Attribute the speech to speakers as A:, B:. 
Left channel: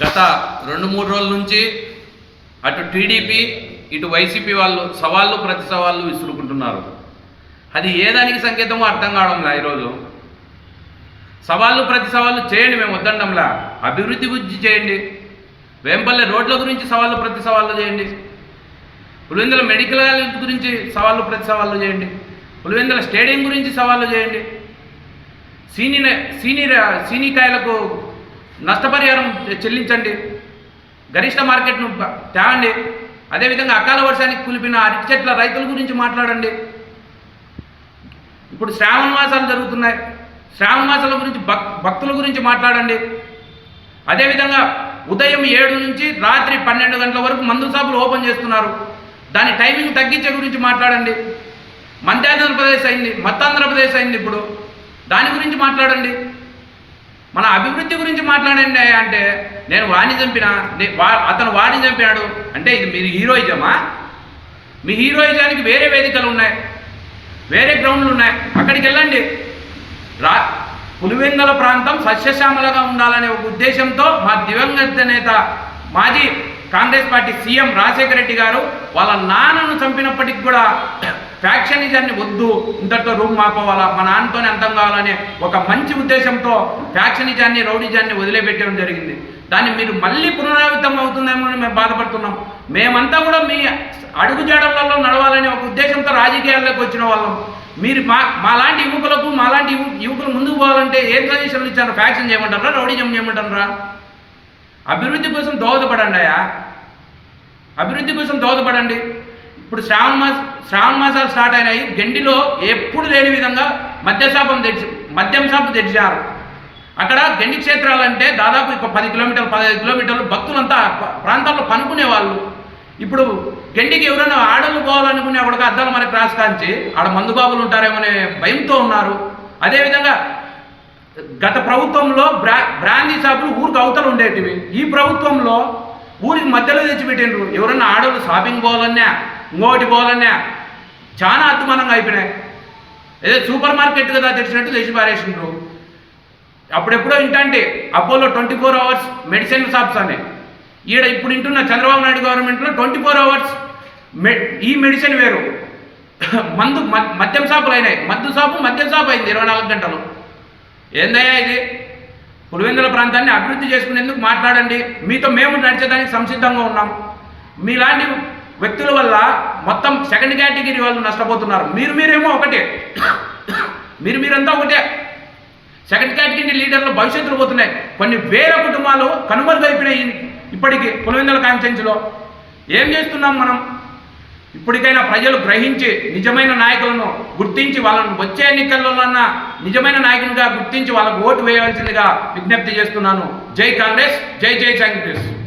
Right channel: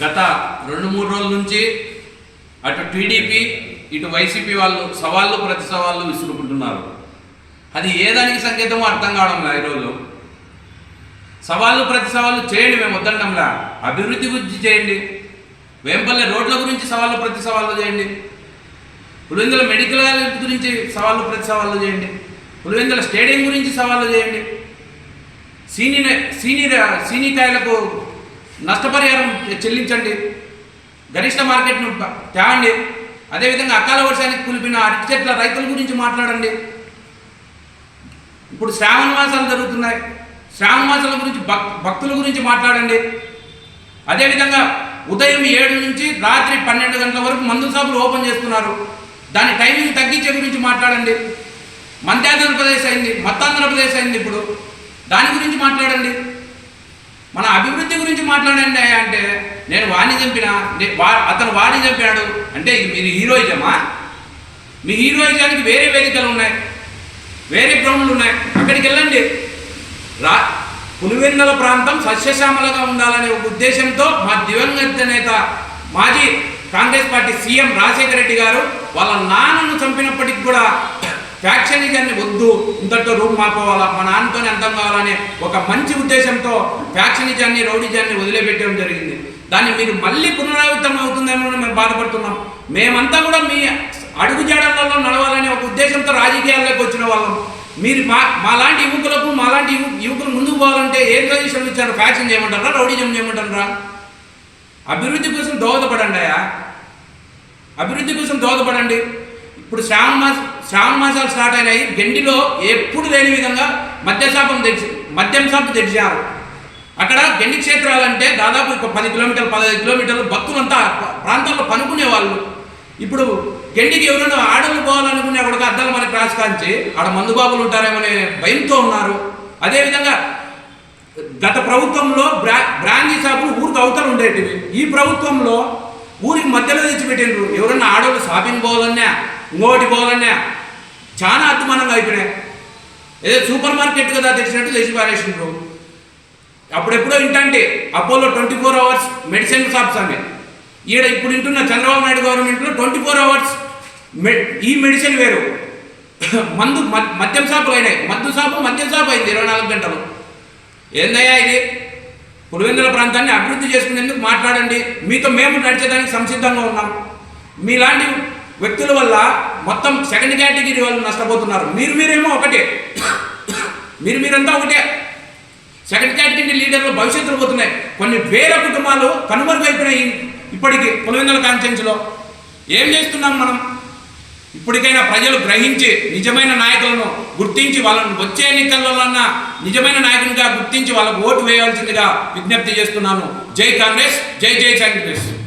A: గత రెండు మూడు రోజుల నుంచి అటు టీడీపీ ఇటు వైసీపీ వాళ్ళు సవాళ్ళు ప్రతి సవాళ్ళు విసురుకుంటున్నారు. అది ఏ దానికి సంకేతమో అర్థం కావడంలా ఈరోజు. సవాళ్ళు ప్రతి సవాళ్ళు చేయండి మేము వద్దండంలా అభివృద్ధి గురించి చేయండి. వేంపల్లె రోడ్ల గురించి సవాళ్ళు ప్రతి సవాళ్ళు చేయండి. పులివెందుల మెడికల్ కాలేజ్ గురించి సవాళ్ళు ప్రతి సవాళ్ళు చేయండి. పులివెందుల స్టేడియం గురించి సవాళ్ళు చేయండి. సీని సీని సీనికాయలకు నష్టపరిహారం చెల్లించండి. గరిష్ట మార్కెట్ను తేవండి. అదేవిధంగా అకాల వర్షానికి కులిపిన అరటి చెట్ల రైతుల గురించి మాట్లాడండి. ఇప్పుడు శ్రావణ మాసాలు జరుగుతున్నాయి. శ్రావణ మాసాల గురించి భక్ భక్తుల గురించి మాట్లాడండి. అదేవిధంగా ఉదయం ఏడు నుంచి రాత్రి పన్నెండు గంటల వరకు మందు షాపులు ఓపెన్ చేస్తున్నారు. దాని టైమింగ్ తగ్గించే గురించి మాట్లాడండి. మధ్యాంధ్రప్రదేశ్ అయింది మత్తాంధ్రప్రదేశ్ అయింది ఇప్పుడు. దాని గురించి మాట్లాడండి. మన అభివృద్ధి గురించి మాట్లాడండి అంటే నేను వాణి చంపిన వా- అతను వాణి చంపాడు. అంటే ఇది మీరు హీరోయిజమా? మీ హీరోయిజానికి వేరే వేదికలు ఉన్నాయి. వేరే గ్రౌండ్లు ఉన్నాయి. అక్కడికి వెళ్ళండి. రా పులివెందుల ప్రాంతం సస్యశ్యామలగా ఉండాలనే ఒక ఉద్దేశంతో మా దివంగత నేత మాజీ కాంగ్రెస్ పార్టీ సీఎం రాజశేఖర రెడ్డి గారు వాళ్ళ నాన్నను చంపినప్పటికి కూడా ఫ్యాక్షనిజాన్ని వద్దు ఇంతటితో రూమ్ మాపోవాలా మా నాన్నతోనే అంతం కావాలనే ఒక మంచి ఉద్దేశంతో ఫ్యాక్షనిజాన్ని రౌడిజాన్ని వదిలిపెట్టడం జరిగింది. దాన్ని మీరు మళ్ళీ పునరావృతం అవుతుందేమో మేము బాధపడుతున్నాం. మేమంతా కూడా మీ అడుగుజాడలలో నడవాలనే ఒక ఉద్దేశంతో రాజకీయాల్లోకి వచ్చిన వాళ్ళం. మీరు మా మాలాంటి యువకులకు మాలాంటి యువకులు ముందుకు పోవాలంటే ఏం సజెషన్లు ఇచ్చారు? ఫ్యాక్షన్ చేయమంటారా? రౌడిజం చేయమంటారా? అభివృద్ధి కోసం దోహదపడండి అయా అభివృద్ధి కోసం దోహదపడండి. ఇప్పుడు శ్రావణ మాస శ్రావణ మాసాలు స్టార్ట్ అయినాయి. గండిలో ఎప్పుడు లేని విధంగా మద్యశాపం తెచ్చి మద్యం షాపు తెచ్చారు అక్కడ గండి క్షేత్రాలంటే దాదాపు ఒక పది కిలోమీటర్లు పదహైదు కిలోమీటర్లు భక్తులంతా ప్రాంతాల్లో పనుకునే వాళ్ళు ఇప్పుడు గండికి ఎవరైనా ఆడలు పోవాలనుకునే కూడా అద్దాల మరి క్రాస్ కాంచి ఆడ మందుబాబులు ఉంటారేమో అనే భయంతో ఉన్నారు. అదేవిధంగా గత ప్రభుత్వంలో బ్రా బ్రాందీ షాపులు ఊరికి అవతలు ఉండేటివి. ఈ ప్రభుత్వంలో ఊరికి మధ్యలో తెచ్చిపెట్టిండ్రు. ఎవరన్నా ఆడవాళ్ళు షాపింగ్ పోవాలన్నా ఇంకోటి పోవాలన్నా చాలా అద్దుమానంగా అయిపోయినాయి. ఏదో సూపర్ మార్కెట్ కదా తెచ్చినట్టు తెచ్చి పారేసిండ్రు. అప్పుడెప్పుడో ఇంటంటే Apollo twenty four hours medicine shops అని. ఈడ ఇప్పుడు ఇంటున్న చంద్రబాబు నాయుడు గవర్నమెంట్లో ట్వంటీ ఫోర్ అవర్స్ మె ఈ మెడిసిన్ వేరు. మందు మద్యం షాపులు అయినాయి. మద్దు షాపు మద్యం షాప్ అయింది ఇరవై నాలుగు గంటలు. ఏందయ్యా ఇది? పులివెందుల ప్రాంతాన్ని అభివృద్ధి చేసుకునేందుకు మాట్లాడండి. మీతో మేము నడిచేదానికి సంసిద్ధంగా ఉన్నాం. మీలాంటి వ్యక్తుల వల్ల మొత్తం సెకండ్ కేటగిరీ వాళ్ళు నష్టపోతున్నారు. మీరు మీరేమో ఒకటే. మీరు మీరంతా ఒకటే. సెకండ్ కేటగిరీ లీడర్లు భవిష్యత్తులో పోతున్నాయి. కొన్ని వేల కుటుంబాలు కనుమరుగైపోయినాయి ఇప్పటికి పులివెందుల కాన్ఫరెన్స్లో ఏం చేస్తున్నాం మనం? ఇప్పటికైనా ప్రజలు గ్రహించి నిజమైన నాయకులను గుర్తించి వాళ్ళను వచ్చే ఎన్నికల్లోనన్నా నిజమైన నాయకునిగా గుర్తించి వాళ్ళకు ఓటు వేయవలసిందిగా విజ్ఞప్తి చేస్తున్నాను. జై కాంగ్రెస్ జై జై కాంగ్రెస్.